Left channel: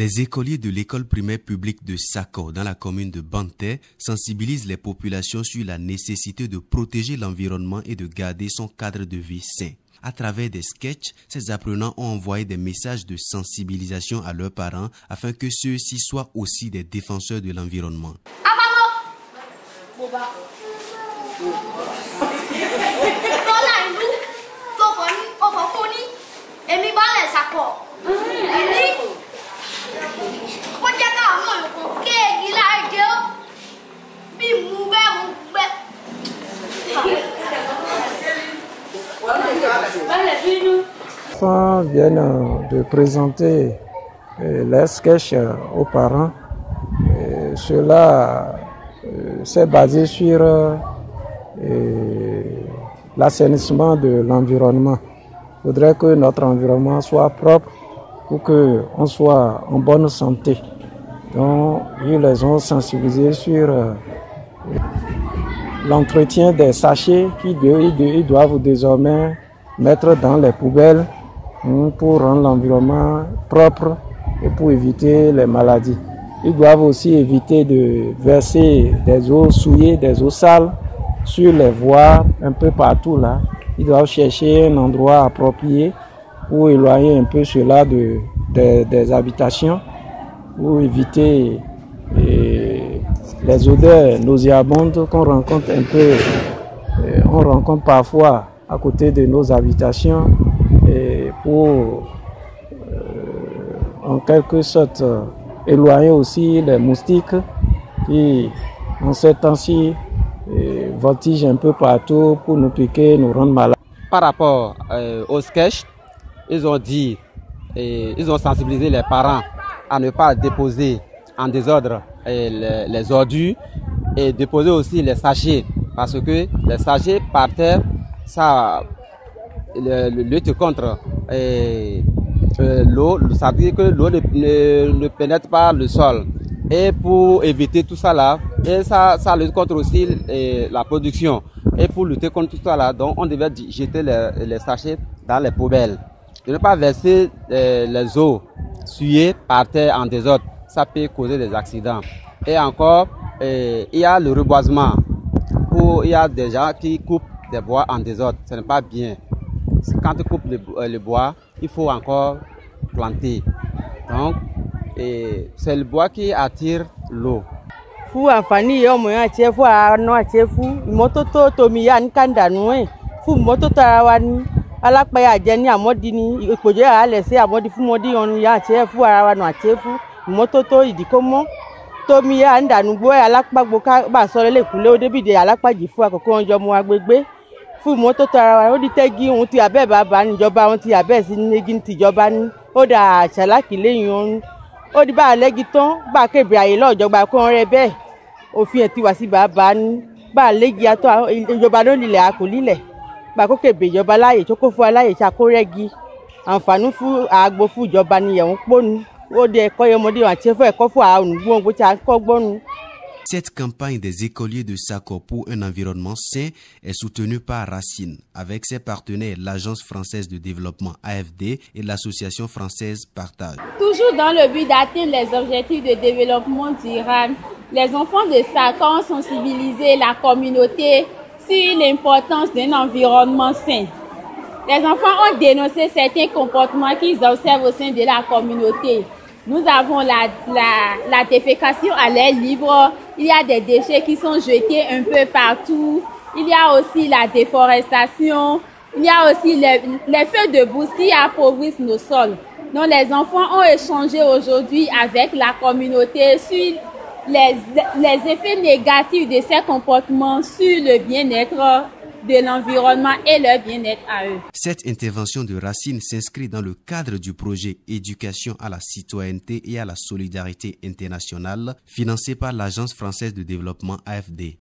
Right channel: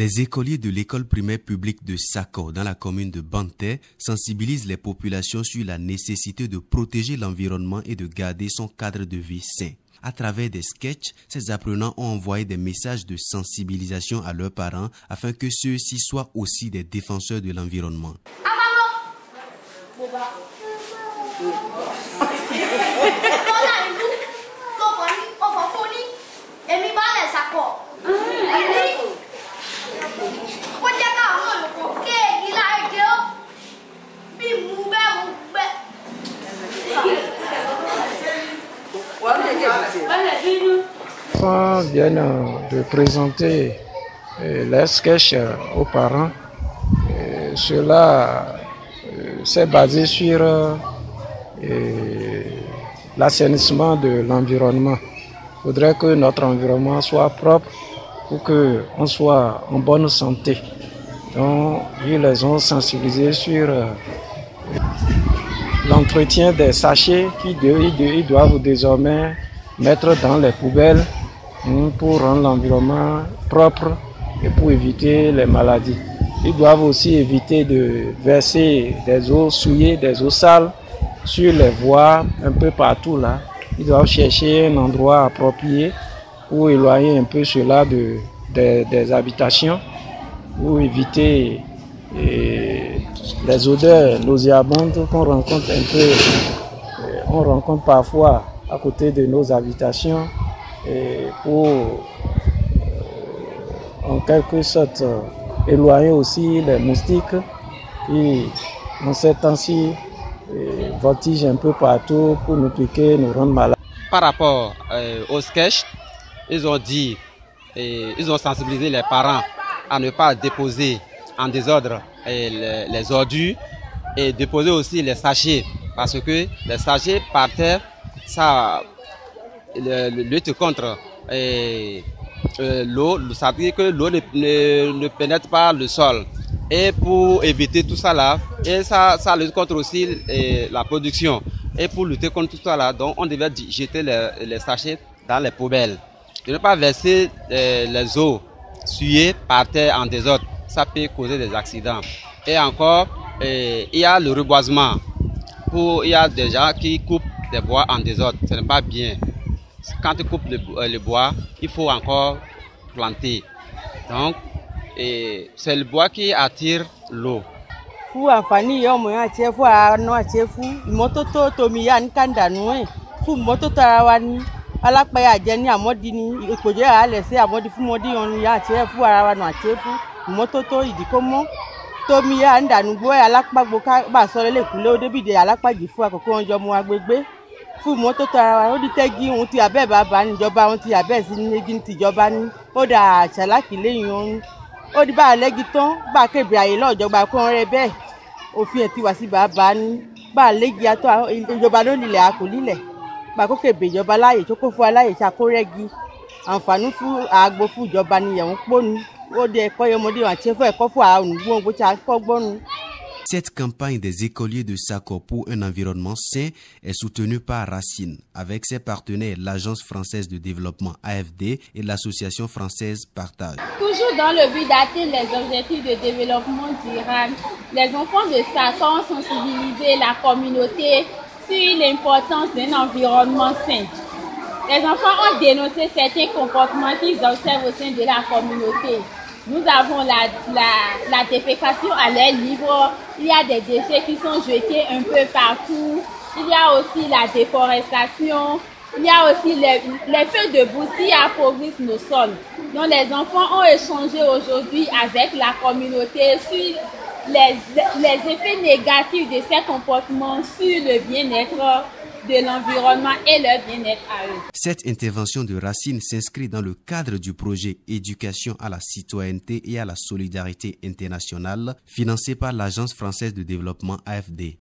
Les écoliers de l'école primaire publique de Sako, dans la commune de Banté, sensibilisent les populations sur la nécessité de protéger l'environnement et de garder son cadre de vie sain. À travers des sketchs, ces apprenants ont envoyé des messages de sensibilisation à leurs parents afin que ceux-ci soient aussi des défenseurs de l'environnement. Les enfants viennent de présenter les sketchs aux parents. Cela s'est basé sur l'assainissement de l'environnement. Il faudrait que notre environnement soit propre pour qu'on soit en bonne santé. Donc, ils les ont sensibilisés sur l'entretien des sachets qu'ils doivent désormais mettre dans les poubelles pour rendre l'environnement propre et pour éviter les maladies. Ils doivent aussi éviter de verser des eaux souillées, des eaux sales sur les voies un peu partout là. Ils doivent chercher un endroit approprié pour éloigner un peu cela des habitations, pour éviter les odeurs nauséabondes qu'on rencontre on rencontre parfois à côté de nos habitations, et pour en quelque sorte éloigner aussi les moustiques qui en ces temps-ci voltigent un peu partout pour nous piquer, nous rendre malades. Par rapport au sketch, ils ont sensibilisé les parents à ne pas déposer en désordre les ordures et déposer aussi les sachets, parce que les sachets par terre, ça lutte contre l'eau, ça veut dire que l'eau ne pénètre pas le sol. Et pour éviter tout ça là, et ça lutte contre aussi la production. Et pour lutter contre tout ça là, donc on devait jeter les sachets dans les poubelles. De ne pas verser les eaux souillées par terre en désordre, ça peut causer des accidents. Et encore, il y a le reboisement. Il y a des gens qui coupent des bois en désordre, ce n'est pas bien. Quand tu coupes le bois, il faut encore planter. Donc, c'est le bois qui attire l'eau. Fún mọ́tótó ara wa ó di tẹ́gí ohun tí abẹ́ bàbá níjọba ohun tí abẹ́ sí nígi tìjọba ní ó dà ṣàlákì lẹ́yìn ohun ó di bá a lẹ́gi tán bá a kébè àyè lọ́jọba kó ń rẹ bẹ́ẹ̀ òfin ẹ̀ ti wá sí bàbá ní bá a lẹ́gi atọ́ ìjọba ló lílẹ̀ àkó lílẹ̀ bá a kó kébè ìjọba láàyè tó kó fún aláyè ṣàkó rẹ́gi àǹfààní fún àgbo fún ìjọba ni ẹ̀wọ̀n pọ́nu ó di ẹ̀kọ́ yọmọdé àti ẹ̀fọ́ ẹ̀kọ́ fún àwọn ònùgbọ́n bó ṣe àkọ́ gbọ́nu. Cette campagne des écoliers de Sako pour un environnement sain est soutenue par Racine, avec ses partenaires l'Agence française de développement AFD et l'Association française Partage. Toujours dans le but d'atteindre les objectifs de développement durable, les enfants de Sako ont sensibilisé la communauté sur l'importance d'un environnement sain. Les enfants ont dénoncé certains comportements qu'ils observent au sein de la communauté. Nous avons la défécation à l'air libre, il y a des déchets qui sont jetés un peu partout, il y a aussi la déforestation, il y a aussi les feux de brousse qui appauvrissent nos sols. Donc les enfants ont échangé aujourd'hui avec la communauté sur les effets négatifs de ces comportements sur le bien-être de l'environnement et leur bien-être à eux. Cette intervention de Racine s'inscrit dans le cadre du projet Éducation à la citoyenneté et à la solidarité internationale financé par l'Agence française de développement AFD.